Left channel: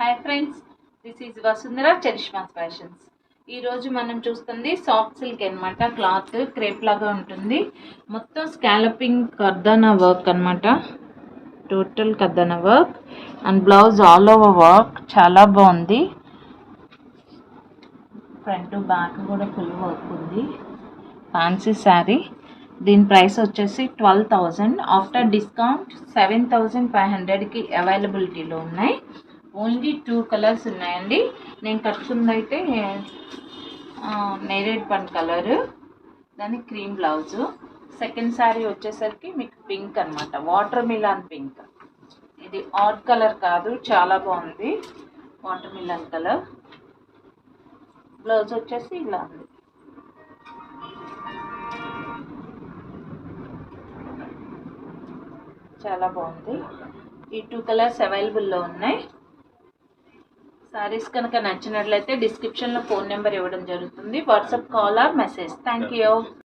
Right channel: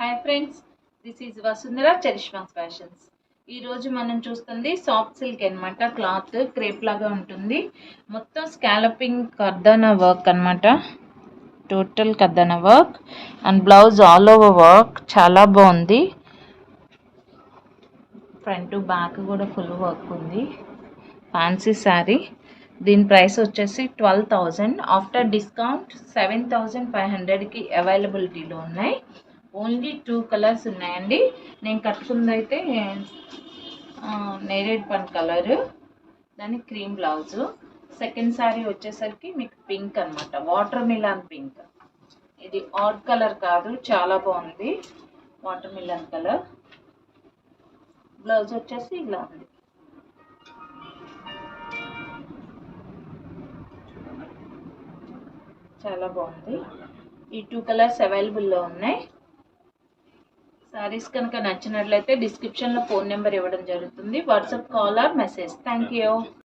Hi friends, this is Vasundhara Charishma's fashions. ఈరోజు మనం చూస్తుంది సాఫ్ట్ సిల్క్ అనమాట. క్లాత్ క్రేప్ లాగా ఉంటుంది. మొత్తం స్కాలపింగ్ కర్దానా వర్క్ అనమాట. టోటల్ కర్దానా work and blouse all over work. చాలా బాగుంది. ఫ్రంట్ బ్యాక్ కూడా ఫుల్ వర్క్ ఉంది. ఫ్యాన్సీ శారీ. దీని ప్రైస్ వచ్చేసి 12,000. ఆఫ్టర్ డిస్కౌంట్ 7,500కి అవైలబిలిటీలో ఉన్నాయి. ఓన్లీ 2 కలర్స్ ఉన్నాయండి. నేను కట్టుకుందైతే నేరేడ్ పన్ కలర్, దాని క్రీమ్ బ్లౌజు. సెకండ్ శారీ వచ్చేసరికి మీకు పింక్ అనమాట, వాటర్ మిలాన్ పింక్. ఇది ఆడ్ కలర్ కాదు, చాలా బాగుంది. Water melon colour. బ్లౌజ్ వచ్చేసి ఇలా ఉంది. చాలా బాగుంది. ఈ 2 కలర్స్ అవైలబుల్లో ఉన్నాయి. సారీస్ కనుక నచ్చినట్లయితే డిస్క్రిప్షన్లో ఫోన్ నెంబర్ ఇవ్వడం జరుగుతుంది. WhatsApp call or message. Thank you.